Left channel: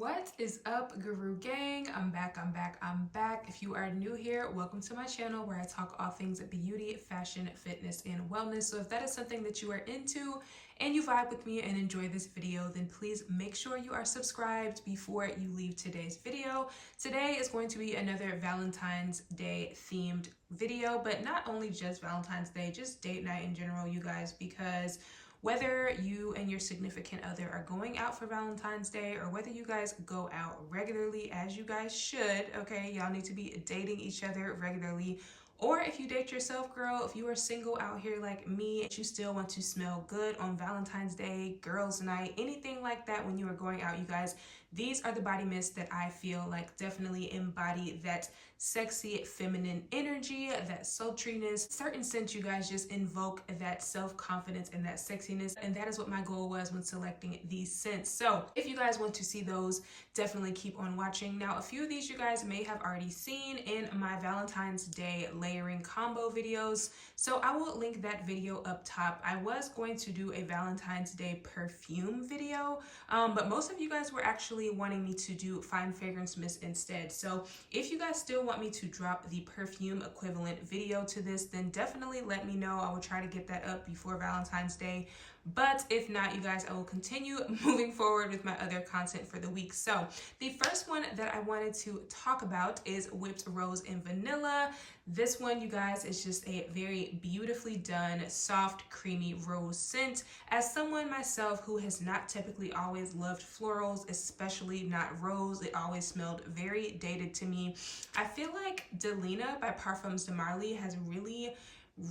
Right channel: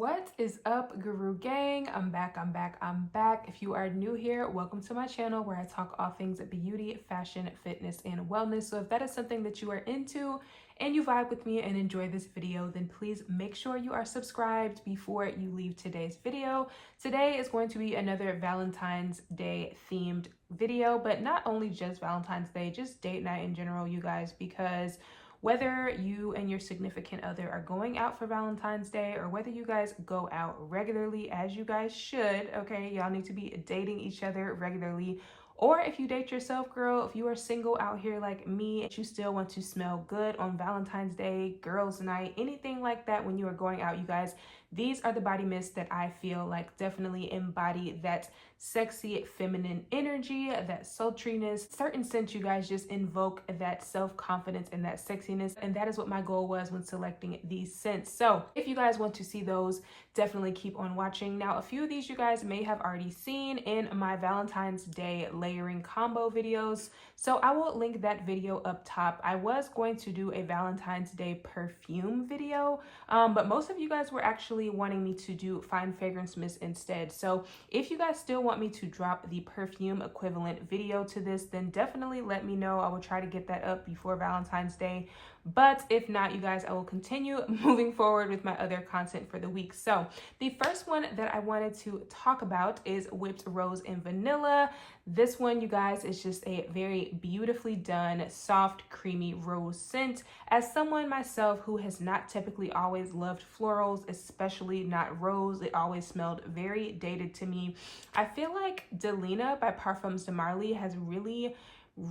What is up, Guru Gang? I'm back. If you are new here, welcome to my channel where I talk all things beauty, fashion, fitness, and wellness. So if that is something that you are into and you vibe with me and enjoy this video, then please make sure you are subscribed before you leave today's video. Today is going to be another Valentine's Day themed video, but not only just Valentine's Day, just date night in general, you guys, because whether you and your significant other are going out for Valentine's Day or whether you guys go out regularly, as you guys should, okay? Y'all need to be dating each other regularly. Or if you date yourself, girl, if you are single out here like me, and you still want to smell good on Valentine's Day, girls' night, anything like that when you are going out, you guys, these are the body mists that I feel like definitely embody that sexy feminine energy, that sultriness. Certain scents, you guys, just invoke that self-confidence and that sexiness, and that is what my goal was when selecting these scents. So if you guys want to see those, definitely keep on watching. Now, a few of these you guys may have already seen in my Valentine's Day layering combo videos, so I will link that video up top. I was going to do a Valentine's Day perfume video, but most of you guys were actually wanting me to do fine fragrance mist instead. So if you guys still want me to drop the perfume equivalent video to this, then definitely let me know. I will try to get that up before Valentine's Day. But if not, you guys, I will continue moving forward with my other content for the week. So the first one that I wanted to talk about is Whipped Rose and Vanilla. This one, you guys, is just a very beautifully done, soft, creamy rose scent. As someone myself who has not typically always loved florals, especially not rose, it always smelled very dated to me. I feel like Delina by Parfums de Marly has really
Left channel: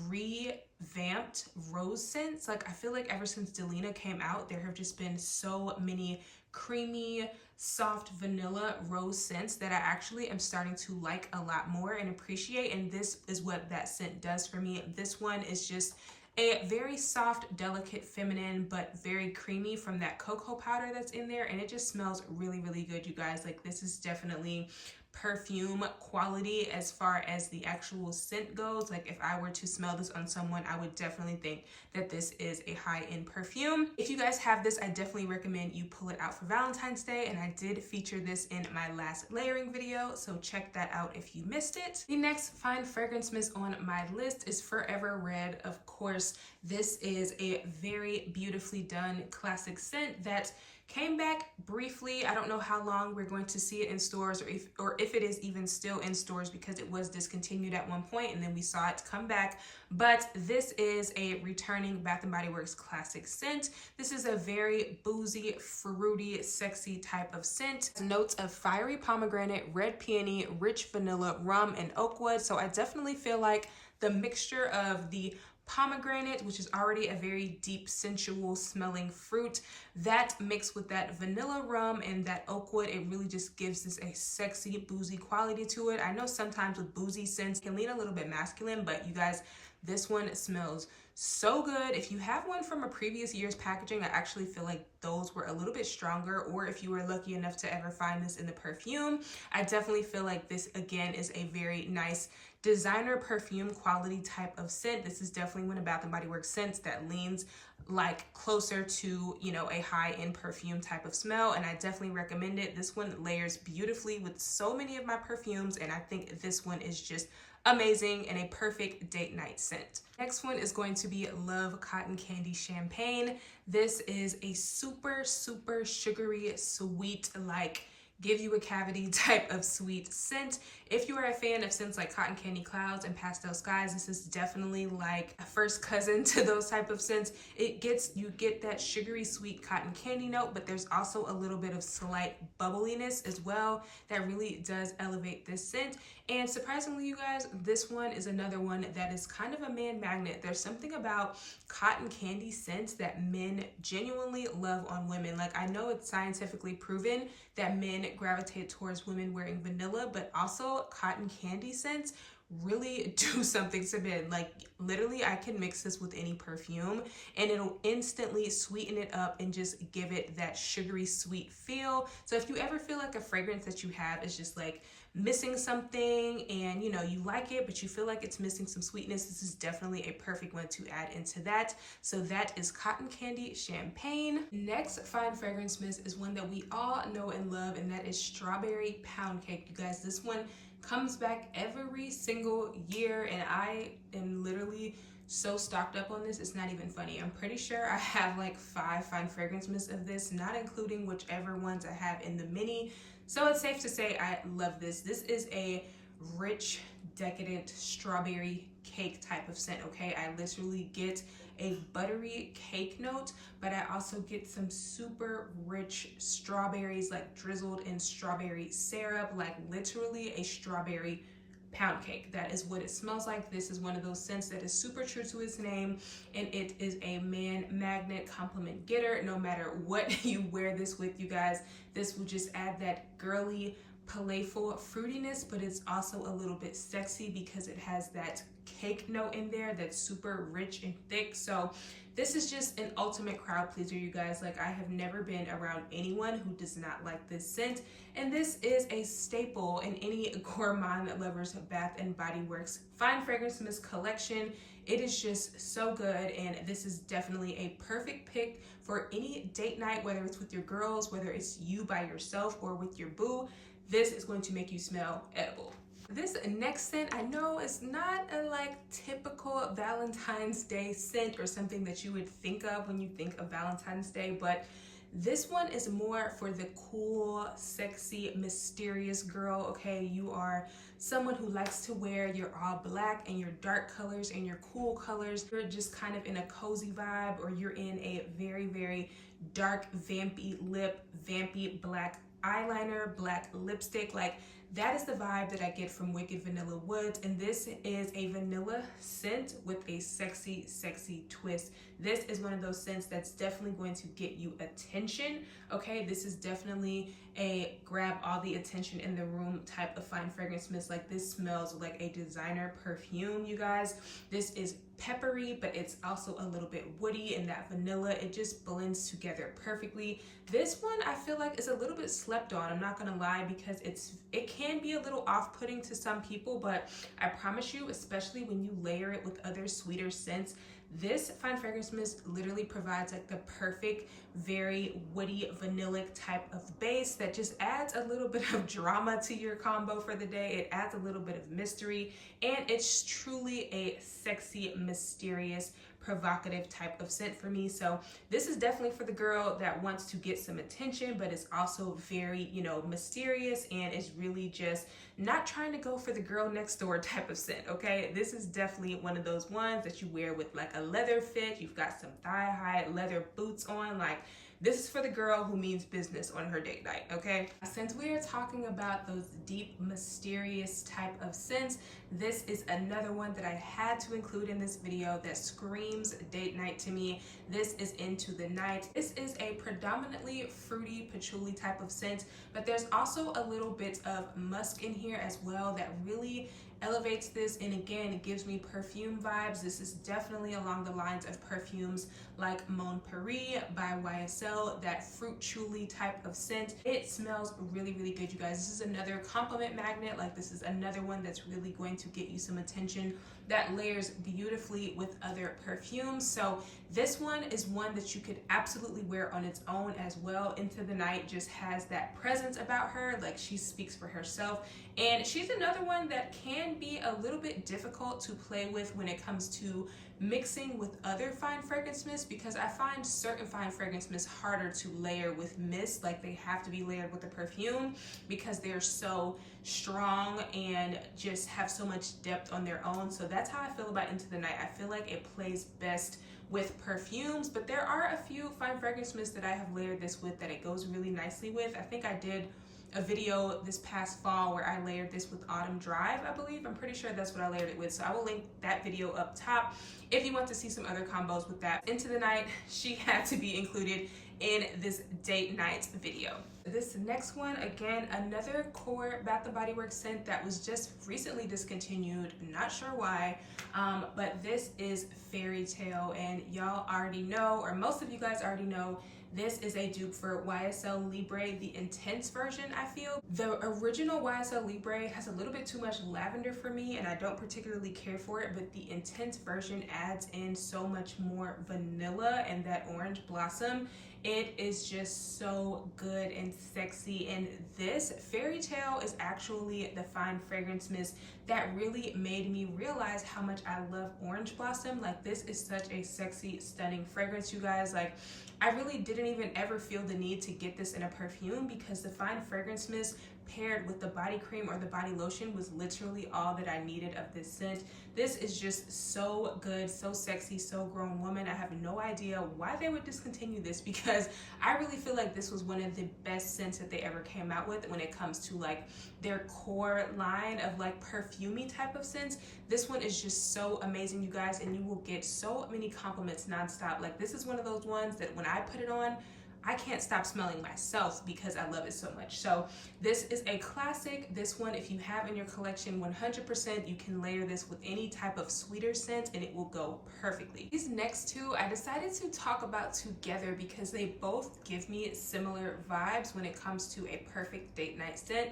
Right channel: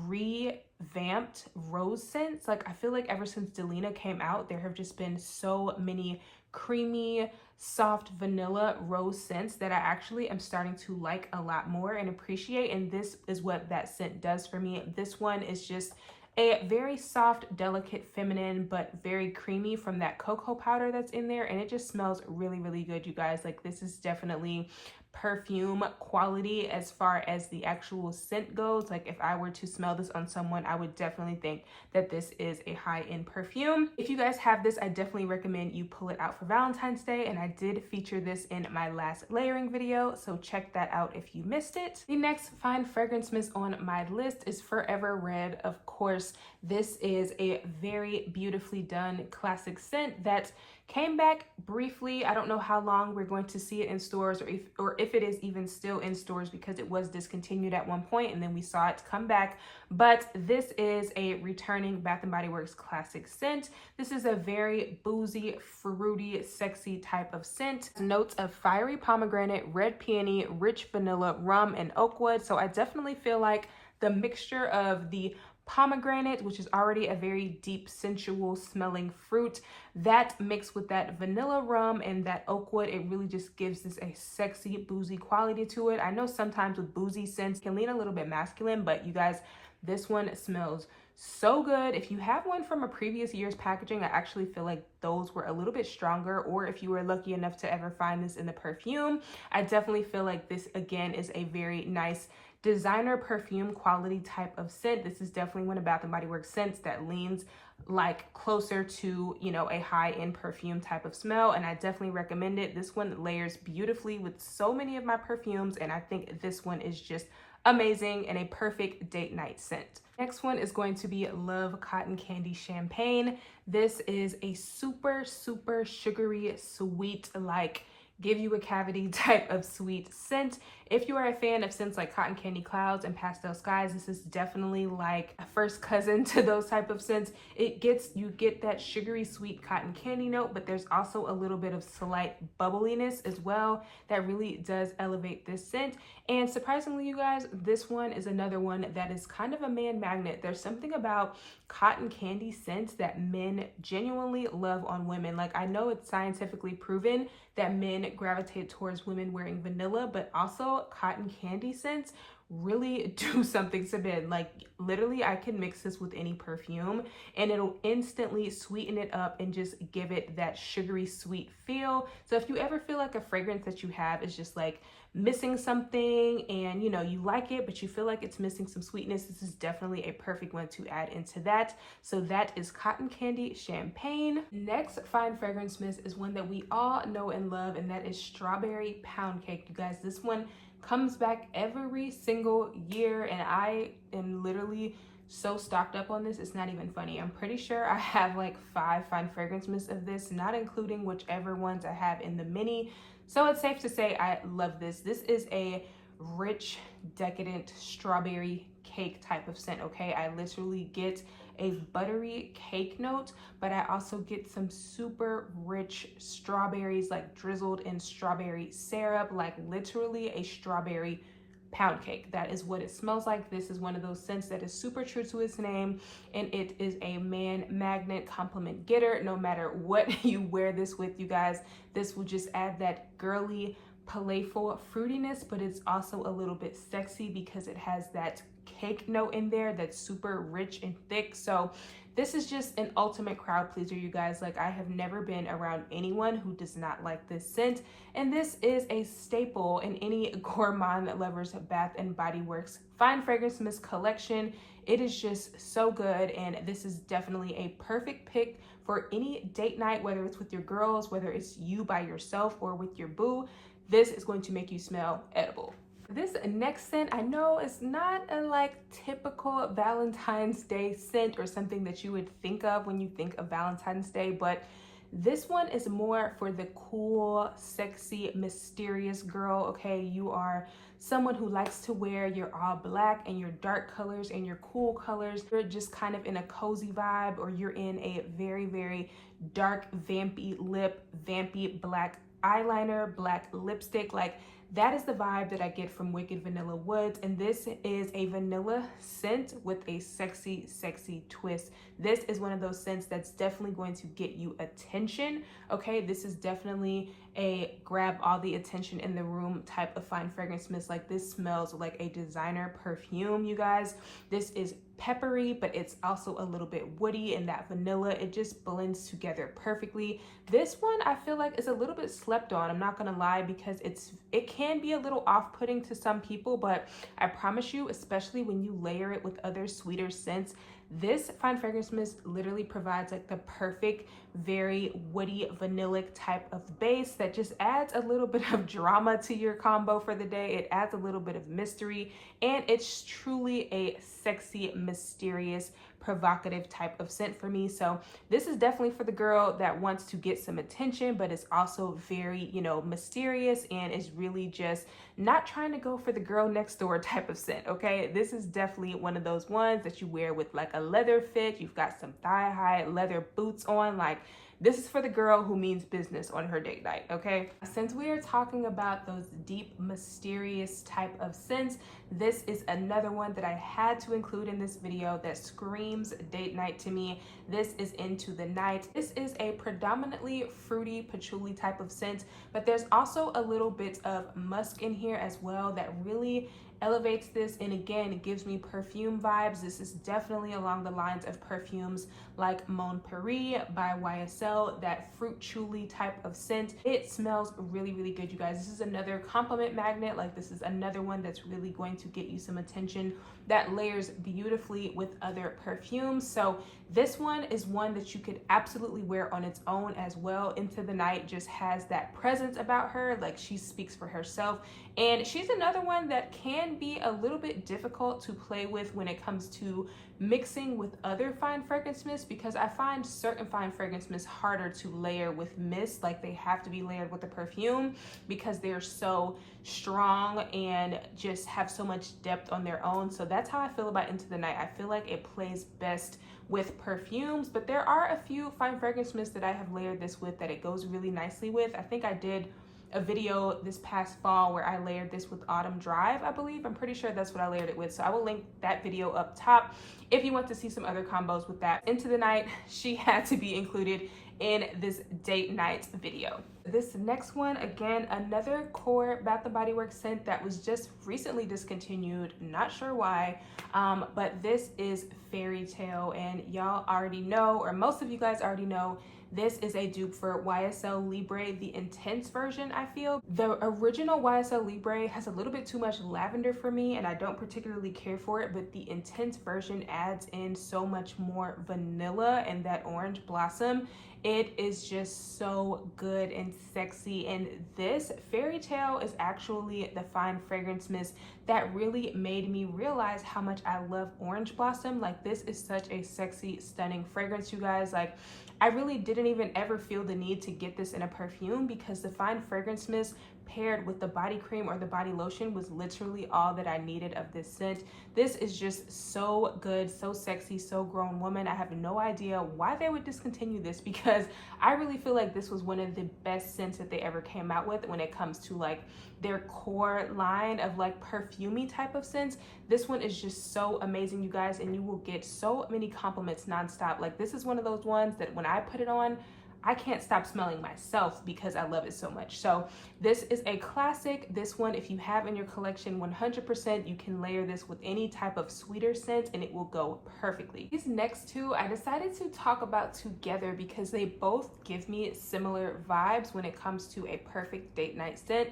revamped rose scents. Like, I feel like ever since Delina came out, there have just been so many creamy, soft vanilla rose scents that I actually am starting to like a lot more and appreciate, and this is what that scent does for me. This one is just a very soft, delicate, feminine, but very creamy from that cocoa powder that's in there, and it just smells really, really good, you guys. Like, this is definitely perfume quality as far as the actual scent goes. Like, if I were to smell this on someone, I would definitely think that this is a high-end perfume. If you guys have this, I definitely recommend you pull it out for Valentine's Day, and I did feature this in my last layering video, so check that out if you missed it. The next fine fragrance mist on my list is Forever Red. Of course, this is a very beautifully done classic scent that came back briefly. I don't know how long we're going to see it in stores, or if it is even still in stores, because it was discontinued at one point and then we saw it come back. But this is a returning Bath & Body Works classic scent. This is a very boozy, fruity, sexy type of scent. Notes of fiery pomegranate, red peony, rich vanilla, rum, and oak wood. So I definitely feel like the mixture of the pomegranate, which is already a very deep, sensual smelling fruit, that mixed with that vanilla rum and that oak wood, it really just gives this a sexy, boozy quality to it. I know sometimes with boozy scents can lean a little bit masculine, but you guys, this one smells so good. If you have one from a previous year's packaging, I actually feel like those were a little bit stronger, or if you were lucky enough to ever find this in the perfume, I definitely feel like this again is a very nice designer perfume quality type of scent. This is definitely one of Bath & Body Works scents that leans like closer to, you know, a high-end perfume type of smell, and I definitely recommend it. This one layers beautifully with so many of my perfumes, and I think this one is just amazing and a perfect date night scent. Next one is going to be Love Cotton Candy Champagne. This is a super, super sugary, sweet, like give you a cavity type of sweet scent. If you are a fan of scents like Cotton Candy Clouds and Pastel Skies, this is definitely like a first cousin to those type of scents. You get that sugary sweet cotton candy note, but there's also a little bit of slight bubbliness as well that really does elevate this scent. And surprisingly, you guys, this one is another one that is kind of a man magnet. There's something about cotton candy scents that men genuinely love on women. Like, I know it's scientifically proven that men gravitate towards women wearing vanilla, but also cotton candy scents really do something to men. Like literally I can mix this with any perfume and it'll instantly sweeten it up and just give it that sugary sweet feel. So if you ever feel like a fragrance that you have is just like missing something and you know you like it but you feel like it's missing some sweetness, this is definitely a perfect one to add into that. So that is Cotton Candy Champagne. Next fine fragrance mist is one that we all know and love, and that is Strawberry Pound Cake. You guys, this one comes back every single year and I am literally so stocked up on this, it's not even funny. I'm pretty sure I have like 5 fine fragrance mists of this, not including whichever ones I have in the mini. So it's safe to say I love this. This is a rich, decadent strawberry cake type of scent, okay? I literally get a buttery cake note, but I also get some super rich strawberries like drizzled in strawberry syrup, like literally a strawberry pound cake. That is what it smells like. This is one of those scents that is super true to its name, and it is a man magnet compliment getter. No matter what you wear this with, you guys, this will just add that girly, playful fruitiness, but it's also a little bit sexy because it has that cake note in there that's super rich and thick. So this is just an ultimate crowd pleaser, you guys. Like I have never been around anyone who does not like this scent, and this is a staple in any gourmand lover's Bath and Body Works fine fragrance mist collection. It is just so good, and this is definitely a perfect pick for any date night, whether it's with your girls, whether it's you by yourself or with your boo. This is going to make you smell edible. This next scent, I know it's not a like typical Valentine's Day scent or something that you would think of when you think of Valentine's Day, but this one is more for the cool, sexy, mysterious girl, okay? You are someone who likes to wear your all black and your dark colors and your cool colors. You're just kind of in a cozy vibe, or you're in a very, very dark, vampy lip, vampy black eyeliner, black lipstick. Like that is the vibe that I get from Wicked Vanilla Woods, and this is a vanilla scent with a sexy, sexy twist. This is one of those scents that's definitely going to get you attention, okay? This is definitely a grab all the attention in the room type of fine fragrance mist. Like this smells like a designer perfume, you guys. This is peppery, but it's also a little bit woody, and that vanilla, it just blends together perfectly. This one I feel like is a little bit slept on, I'm not gonna lie, because it can be a little off-putting to some people, but I promise you, especially when you layer it with other sweeter scents, this fine fragrance mist literally provides like the perfect, very woody, vanillic type of base that just adds a little bit of drama to your combo for the day. It adds a little bit of mystery, and it's truly a sexy, mysterious, provocative type of scent for me. So this is definitely for the girl that wants to get some attention, but it's also very, you know, mysterious, and is really just not trying to go for the girl next door type of scent, okay? This is definitely one of those ones that you wear with like a leather fit. You've got some thigh-high leather boots on. Like this is for the girl who means business on her date night, okay? Since we are talking about those deep, mysterious type of scents, this is another one that I had to include in this video that screams date night to me. This is Into the Night. This is a predominantly fruity patchouli type of scent, but there's also a little bit of musk in here as well that really elevates this, and again, it gives me perfume vibes. This is definitely along the lines of perfumes like Mon Paris by YSL, that fruit chuli type of scent. It smells really, really good, you guys. This is another compliment magnet. Like this is another one that's really going to get you some attention, that layers beautifully with other perfumes. So this one is one that you could absolutely wear on its own as well. Into the Night just has that presence about her, like she speaks for herself. And she's another one that can be a little bit difficult to play with when it comes to mixing with other fine fragrance mists, because I find certain fine fragrance mists harder to layer with mist. Like they have to be layered with the perfume because they're so strong and just have so much depth on their own. So that's how I feel about Into the Night. I feel like it plays best with perfumes, but there are a few fine fragrance mists that I have layered this with that it goes really nicely with. I think I did a video this past fall where I layered this with Autumn Drive, I believe. I'm pretty sure that's what I layered it with. So I will link that video up top if you want to see some other combos with that. Into the Night, she had to be included in this date night video. This next one, again, another core Bath & Body Works scent that was just recently discontinued, not sure why, but this is Fairy Tale, and y'all already know, or most of you guys already know, this is a dupe for YSL Libre, the intense version, I feel. The original YSL Libre has a little bit too much lavender for me, and I don't particularly care for it, but the intense version adds in so much more vanilla and that orange blossom. It is just so good and sexy, and this Fairy Tale is actually the fine fragrance mist that really made me realize how much I love orange blossom. Like, this is such a sexy, stunning fragrance, you guys. Like, I really didn't even ever feel the need to get this in a perfume because the fine fragrance mist paired with the body cream or the body lotion was literally all that I needed of this scent. This is just so good, so sexy, so grown woman. I have no idea why they would discontinue this because I really feel like this was one of the best scents that they ever came out with when it comes to like their core line of like perfumey type of scents. This one is just so amazing, you guys, and you will get so many compliments nonstop. Like, this is one of those ones that when I put it on, I can't stop smelling myself because I love it so much. So this is a classic. This one, if you have in your collection, 100% you can layer this with any type of sweeter scent and it will go perfectly. These next two I decided to talk about together because they both give me similar vibes when it comes to a perfect date night scent.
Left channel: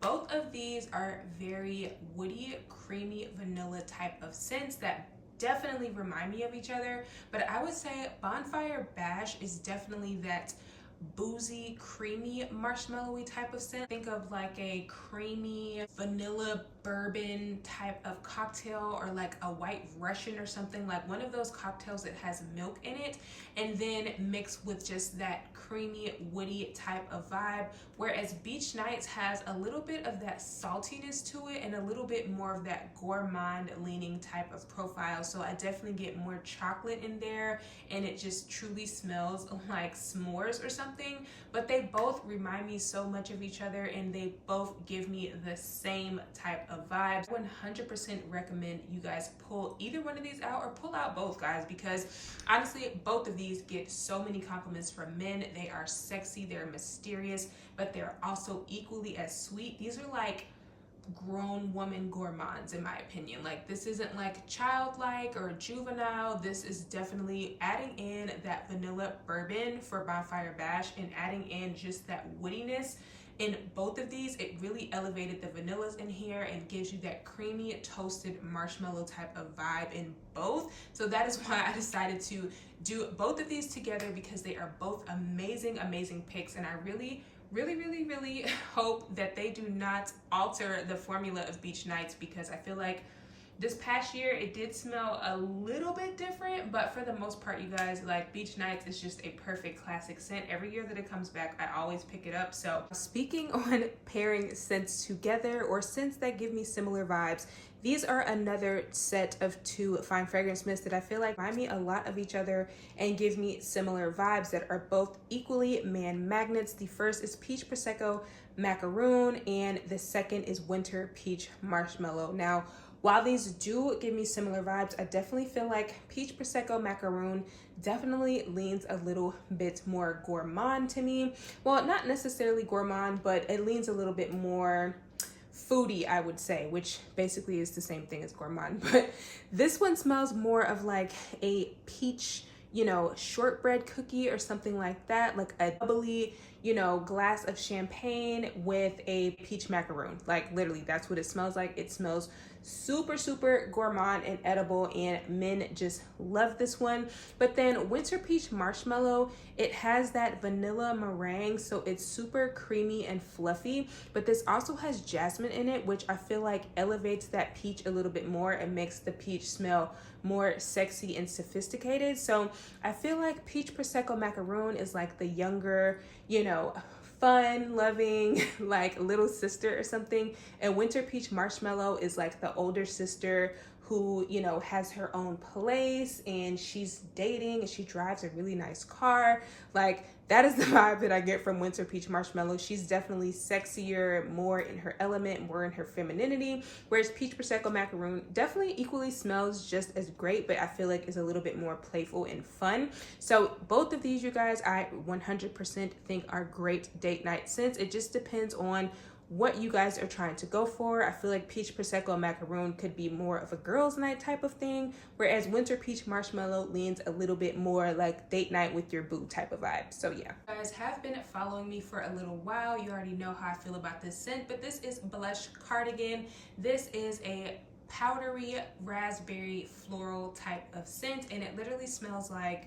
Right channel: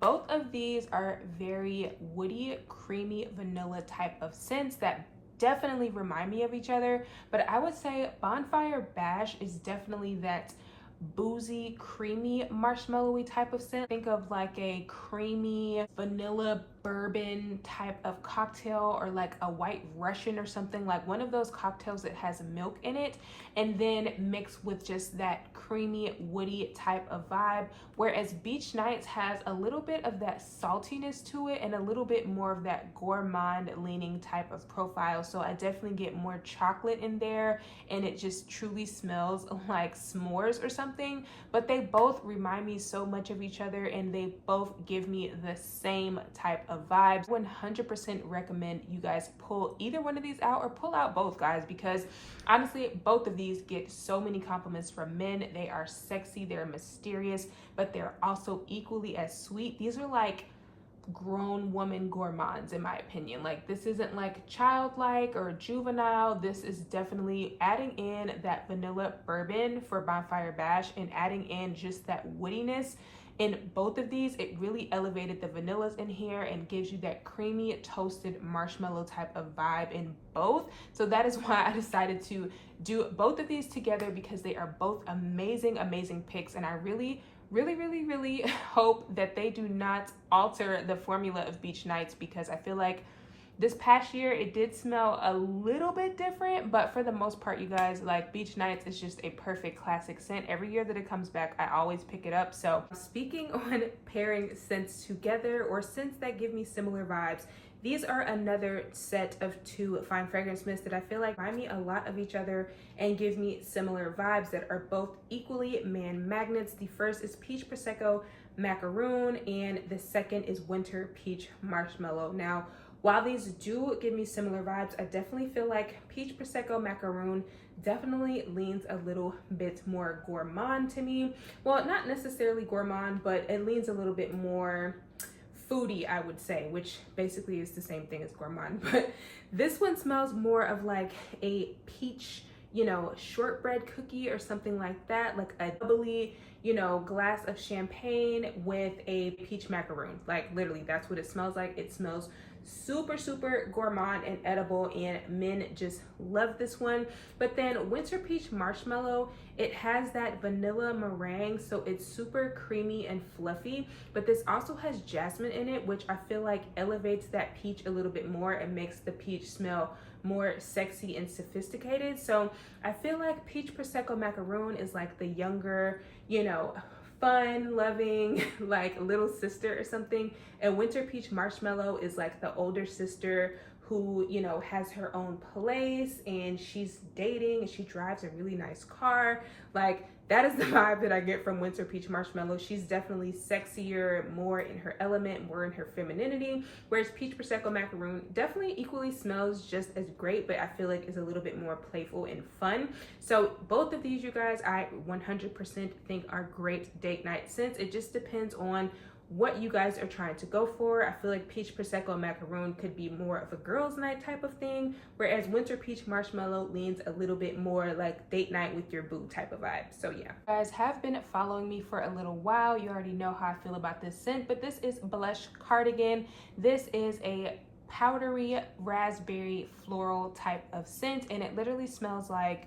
Both of these are very woody, creamy, vanilla type of scents that definitely remind me of each other, but I would say Bonfire Bash is definitely that boozy, creamy, marshmallowy type of scent. Think of like a creamy vanilla bourbon type of cocktail, or like a White Russian or something, like one of those cocktails that has milk in it and then mixed with just that creamy, woody type of vibe. Whereas Beach Nights has a little bit of that saltiness to it and a little bit more of that gourmand leaning type of profile. So I definitely get more chocolate in there and it just truly smells like s'mores or something. But they both remind me so much of each other and they both give me the same type of vibes. 100% recommend you guys pull either one of these out or pull out both, guys, because honestly, both of these get so many compliments from men. They are sexy, they're mysterious, but they're also equally as sweet. These are like grown woman gourmands, in my opinion. Like, this isn't like childlike or juvenile. This is definitely adding in that vanilla bourbon for Bonfire Bash and adding in just that woodiness. In both of these, it really elevated the vanillas in here and gives you that creamy toasted marshmallow type of vibe in both. So that is why I decided to do both of these together, because they are both amazing picks, and I really hope that they do not alter the formula of Beach Nights, because I feel like this past year it did smell a little bit different, but for the most part, you guys, like, Beach Nights is just a perfect classic scent. Every year that it comes back, I always pick it up. So speaking on pairing scents together or scents that give me similar vibes, these are another set of two fine fragrance mists that I feel like remind me a lot of each other and give me similar vibes that are both equally man magnets. The first is Peach Prosecco Macaroon and the second is Winter Peach Marshmallow. Now, while these do give me similar vibes, I definitely feel like Peach Prosecco Macaroon definitely leans a little bit more gourmand to me. Well, not necessarily gourmand, but it leans a little bit more foodie, I would say, which basically is the same thing as gourmand. But this one smells more of like a peach, you know, shortbread cookie or something like that, like a bubbly, you know, glass of champagne with a peach macaroon. Like, literally, that's what it smells like. It smells super gourmand and edible, and men just love this one. But then Winter Peach Marshmallow, it has that vanilla meringue, so it's super creamy and fluffy, but this also has jasmine in it, which I feel like elevates that peach a little bit more and makes the peach smell more sexy and sophisticated. So I feel like Peach Prosecco Macaroon is like the younger, you know, fun loving, like, little sister or something, and Winter Peach Marshmallow is like the older sister who, you know, has her own place and she's dating and she drives a really nice car. Like, that is the vibe that I get from Winter Peach Marshmallow. She's definitely sexier, more in her element, more in her femininity, whereas Peach Prosecco Macaroon definitely equally smells just as great, but I feel like is a little bit more playful and fun. So both of these, you guys, I 100% think are great date night scents. It just depends on what you guys are trying to go for. I feel like Peach Prosecco Macaroon could be more of a girls night type of thing, whereas Winter Peach Marshmallow leans a little bit more like date night with your boo type of vibe. So yeah, you guys have been following me for a little while. You already know how I feel about this scent, but this is Blush Cardigan. This is a powdery raspberry floral type of scent, and it literally smells like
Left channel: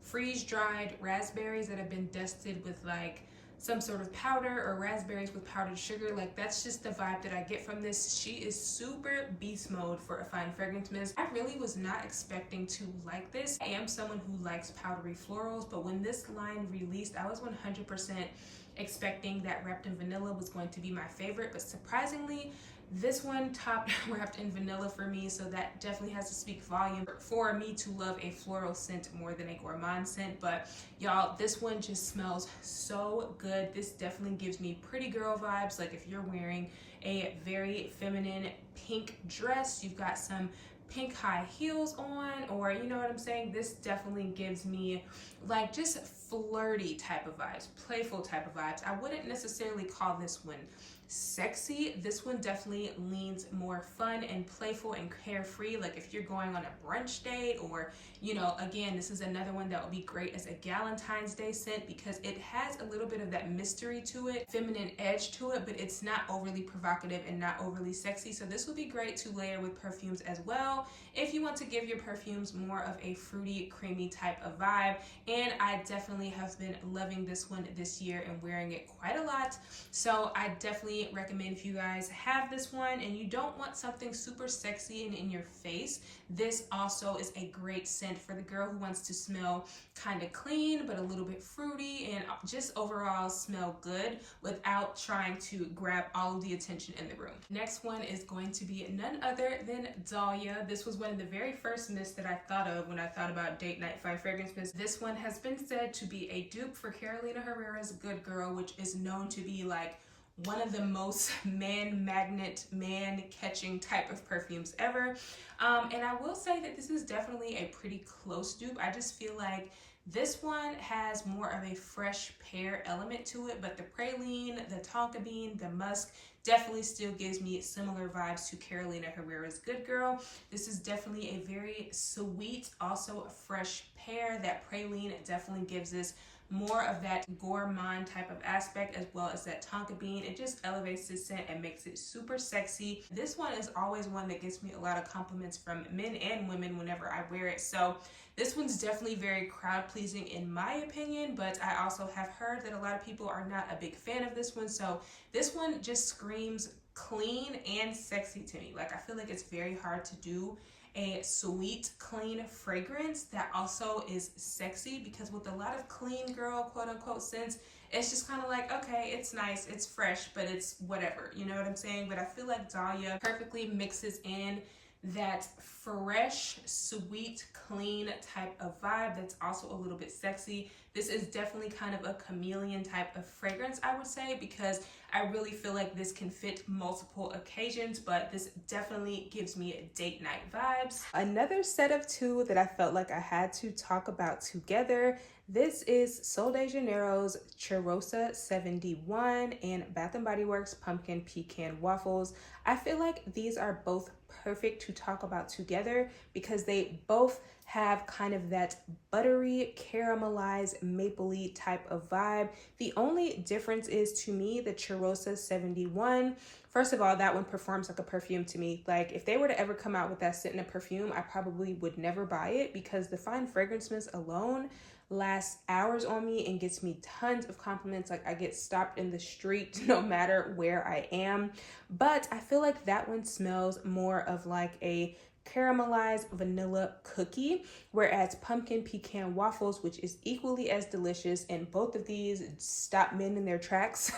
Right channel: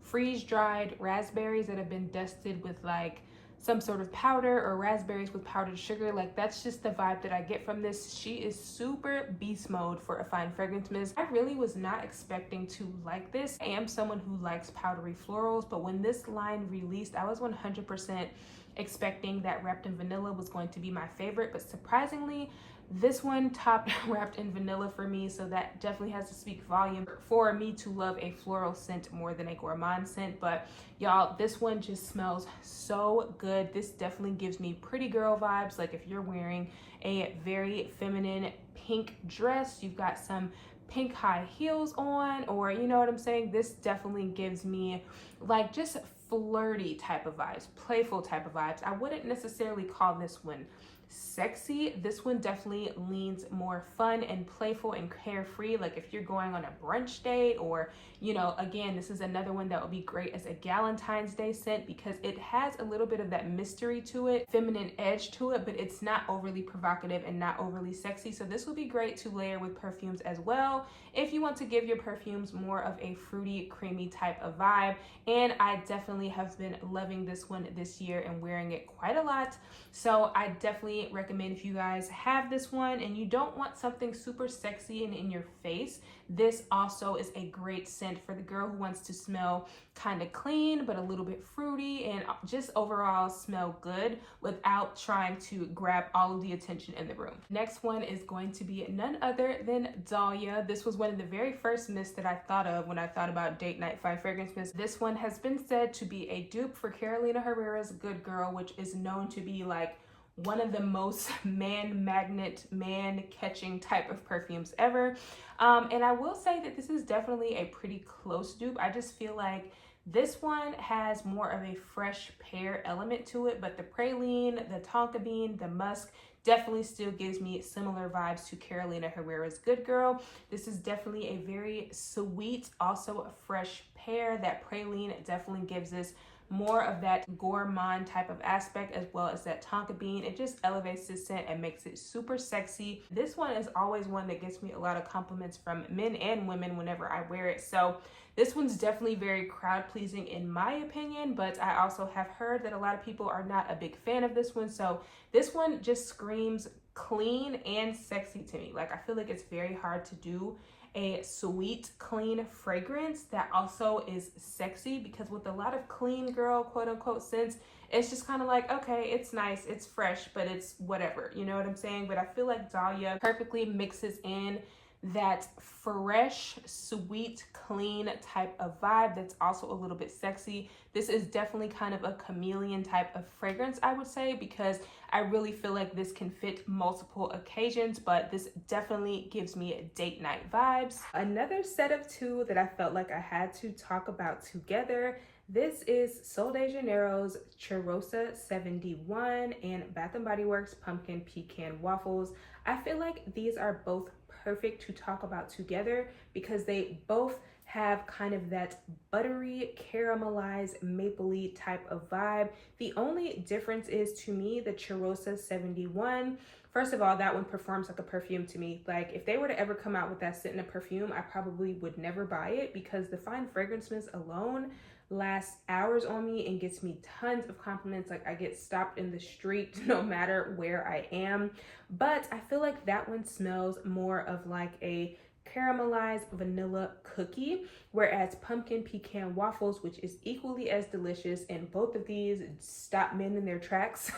freeze-dried raspberries that have been dusted with like some sort of powder, or raspberries with powdered sugar. Like, that's just the vibe that I get from this. She is super beast mode for a fine fragrance mist. I really was not expecting to like this. I am someone who likes powdery florals, but when this line released, I was 100% expecting that Wrapped in Vanilla was going to be my favorite, but surprisingly, this one topped Wrapped in Vanilla for me, so that definitely has to speak volume for me to love a floral scent more than a gourmand scent. But y'all, this one just smells so good. This definitely gives me pretty girl vibes. Like, if you're wearing a very feminine pink dress, you've got some pink high heels on, or you know what I'm saying, this definitely gives me like just flirty type of vibes, playful type of vibes. I wouldn't necessarily call this one sexy. This one definitely leans more fun and playful and carefree, like if you're going on a brunch date, or you know, again, this is another one that would be great as a Valentine's Day scent because it has a little bit of that mystery to it, feminine edge to it, but it's not overly provocative and not overly sexy. So this would be great to layer with perfumes as well if you want to give your perfumes more of a fruity, creamy type of vibe. And I definitely have been loving this one this year and wearing it quite a lot. So I definitely recommend, if you guys have this one and you don't want something super sexy and in your face, this also is a great scent for the girl who wants to smell kind of clean but a little bit fruity and just overall smell good without trying to grab all of the attention in the room. Next one is going to be none other than Dahlia. This was one of the very first mists that I thought of when I thought about date night fine fragrance mist. This one has been said to be a dupe for Carolina Herrera's Good Girl, which is known to be like one of the most man magnet, man catching type of perfumes ever. And I will say that this is definitely a pretty close dupe. I just feel like this one has more of a fresh pear element to it, but the praline, the tonka bean, the musk definitely still gives me similar vibes to Carolina Herrera's Good Girl. This is definitely a very sweet, also a fresh pear. That praline definitely gives this more of that gourmand type of aspect, as well as that tonka bean. It just elevates this scent and makes it super sexy. This one is always one that gets me a lot of compliments from men and women whenever I wear it. So this one's definitely very crowd pleasing in my opinion, but I also have heard that a lot of people are not a big fan of this one. So this one just screams clean and sexy to me. Like, I feel like it's very hard to do a sweet, clean fragrance that also is sexy, because with a lot of clean girl, quote unquote, scents, it's just kind of like, okay, it's nice, it's fresh, but it's whatever, you know what I'm saying? But I feel like Dahlia perfectly mixes in that fresh, sweet, clean type of vibe that's also a little bit sexy. This is definitely kind of a chameleon type of fragrance, I would say, because I really feel like this can fit multiple occasions, but this definitely gives me date night vibes. Another set of two that I felt like I had to talk about together, this is Sol de Janeiro's Cheirosa 71 and Bath & Body Works Pumpkin Pecan Waffles. I feel like these are both perfect to talk about together because they both have kind of that buttery, caramelized, mapley type of vibe. The only difference is, to me, the Cheirosa 71. First of all, that one performs like a perfume to me. Like, if they were to ever come out with that scent in a perfume, I probably would never buy it, because the fine fragrance mist alone lasts hours on me and gets me tons of compliments. Like, I get stopped in the street no matter where I am. But I feel like that one smells more of like a caramelized vanilla cookie, whereas Pumpkin Pecan Waffles, which is equally as delicious, and both of these stop men in their tracks,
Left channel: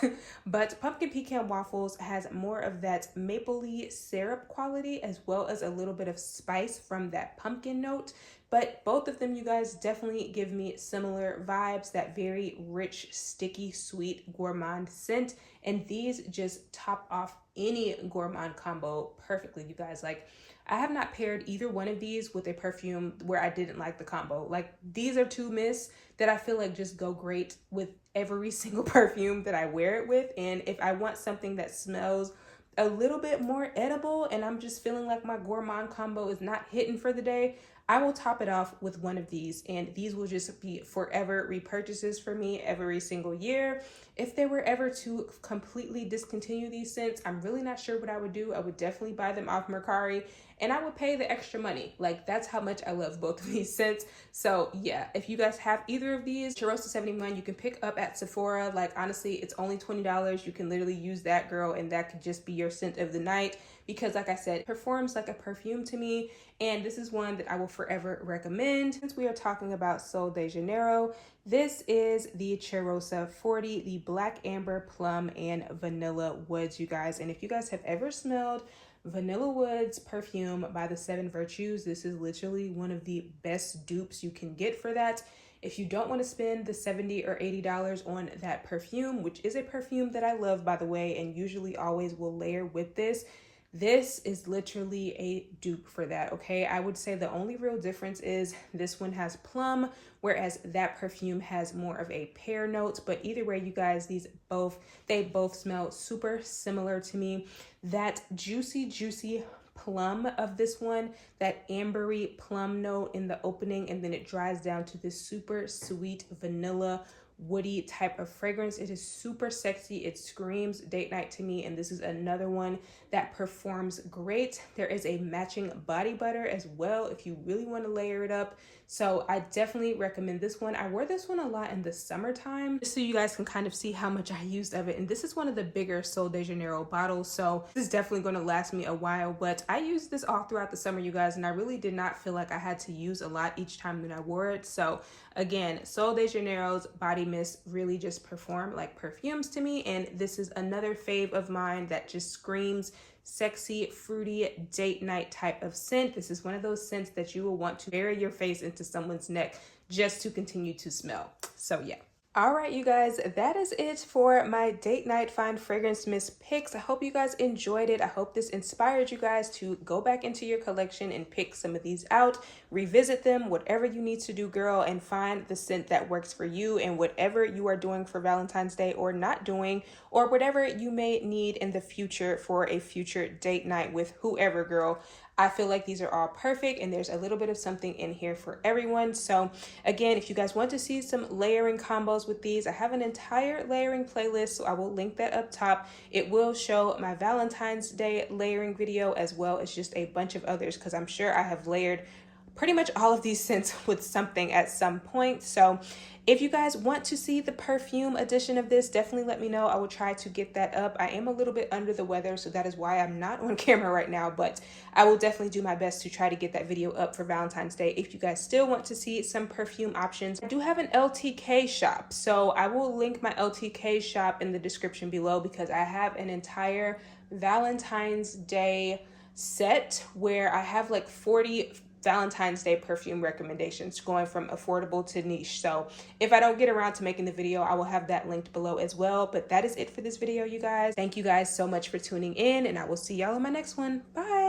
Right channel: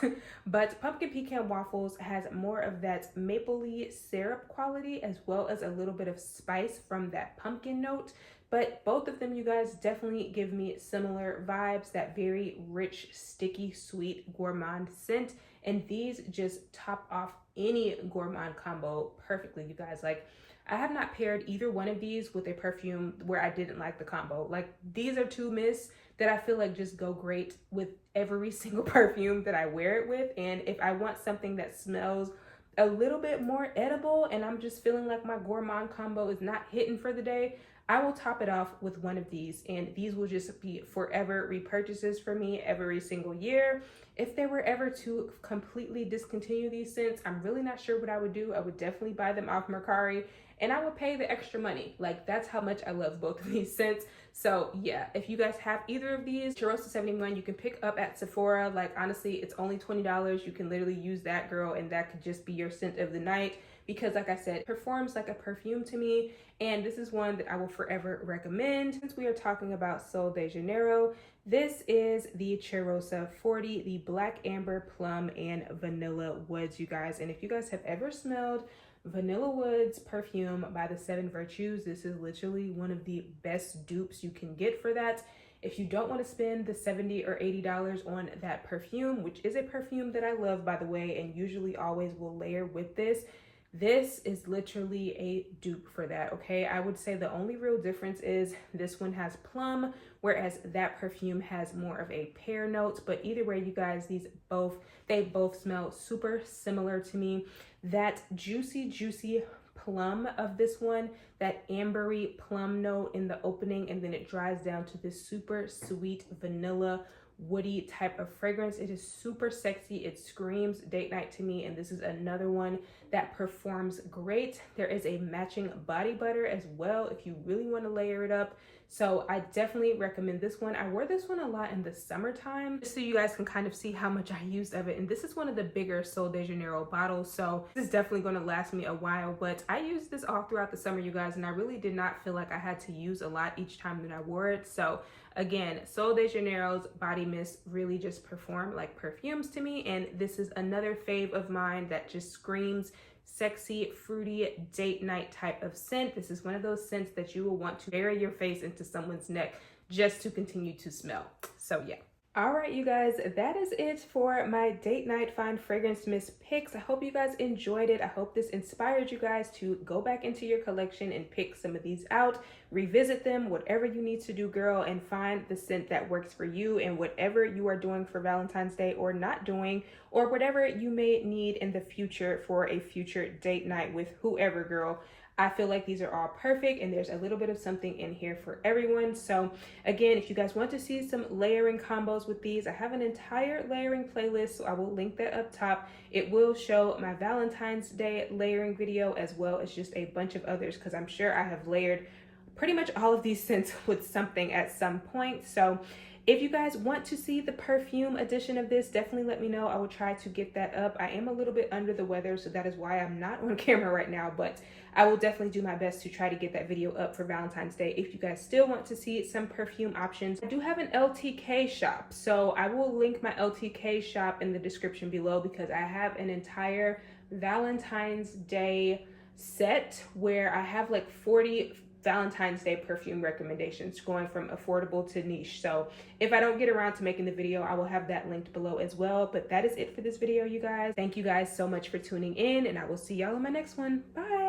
but Pumpkin Pecan Waffles has more of that mapley syrup quality, as well as a little bit of spice from that pumpkin note but both of them, you guys, definitely give me similar vibes, that very rich, sticky, sweet, gourmand scent. And these just top off any gourmand combo perfectly, you guys. Like, I have not paired either one of these with a perfume where I didn't like the combo. Like, these are two mists that I feel like just go great with every single perfume that I wear it with. And if I want something that smells a little bit more edible and I'm just feeling like my gourmand combo is not hitting for the day, I will top it off with one of these, and these will just be forever repurchases for me every single year. If they were ever to completely discontinue these scents, I'm really not sure what I would do. I would definitely buy them off Mercari, and I would pay the extra money. Like, that's how much I love both of these scents. So yeah, if you guys have either of these, Charosta 71, you can pick up at Sephora. Like, honestly, it's only $20. You can literally use that, girl, and that could just be your scent of the night, because like I said, it performs like a perfume to me, and this is one that I will forever recommend. Since we are talking about Sol de Janeiro, this is the Charosta 40, the Black Amber, Plum, and Vanilla Woods, you guys. And if you guys have ever smelled Vanilla Woods perfume by the Seven Virtues, this is literally one of the best dupes you can get for that. If you don't want to spend the $70 or $80 on that perfume, which is a perfume that I love, by the way, and usually always will layer with this, this is literally a dupe for that, okay? I would say the only real difference is this one has plum, whereas that perfume has more of a pear notes. But either way, you guys, they both smell super similar to me. That juicy plum of this one, that ambery plum note in the opening, and then it dries down to this super sweet vanilla woody type of fragrance. It is super sexy. It screams date night to me, and this is another one that performs great. There is a matching body butter as well if you really want to layer it up. So I definitely recommend this one. I wear this one a lot in the summertime, just so you guys can kind of see how much I used of it. And this is one of the bigger Sol de Janeiro bottles, so this is definitely going to last me a while. But I used this all throughout the summer, you guys, and I really did not feel like I had to use a lot each time that I wore it. So again, Sol de Janeiro's body mist really just perform like perfumes to me, and this is another fave of mine that just screams sexy, fruity, date night type of scent. This is one of those scents that you will want to bury your face into someone's neck just to continue to smell. So yeah. All right, you guys, that is it for my date night fine fragrance mist picks. I hope you guys enjoyed it. I hope this inspired you guys to go back into your collection and pick some of these out, revisit them, whatever you need to do, girl, and find the scent that works for you and whatever you are doing for Valentine's Day or not doing, or whatever you may need in the future for a future date night with whoever, girl. I feel like these are all perfect, and there's a little bit of something in here for everyone. So again, if you guys want to see some layering combos with these, I have an entire layering playlist, so I will link that up top. It will show my Valentine's Day layering video as well as just a bunch of others, because I'm sure I have layered pretty much all of these scents with something at some point. So if you guys want to see the perfume edition of this, definitely let me know. I will try to get that up. I am a little bit under the weather, so that is why I'm not on camera right now, but I will definitely do my best to try to get that video up for Valentine's Day. If you guys still want to see some perfume options, I do have an LTK shop, so I will link my LTK shop in the description below, because I have an entire Valentine's Day set where I have like 40 Valentine's Day perfume recommendations going from affordable to niche. So if I don't get around to making the video, I will have that linked below as well. But that is it for this video, you guys. Thank you guys so much for tuning in, and I will see y'all in my next one. Bye.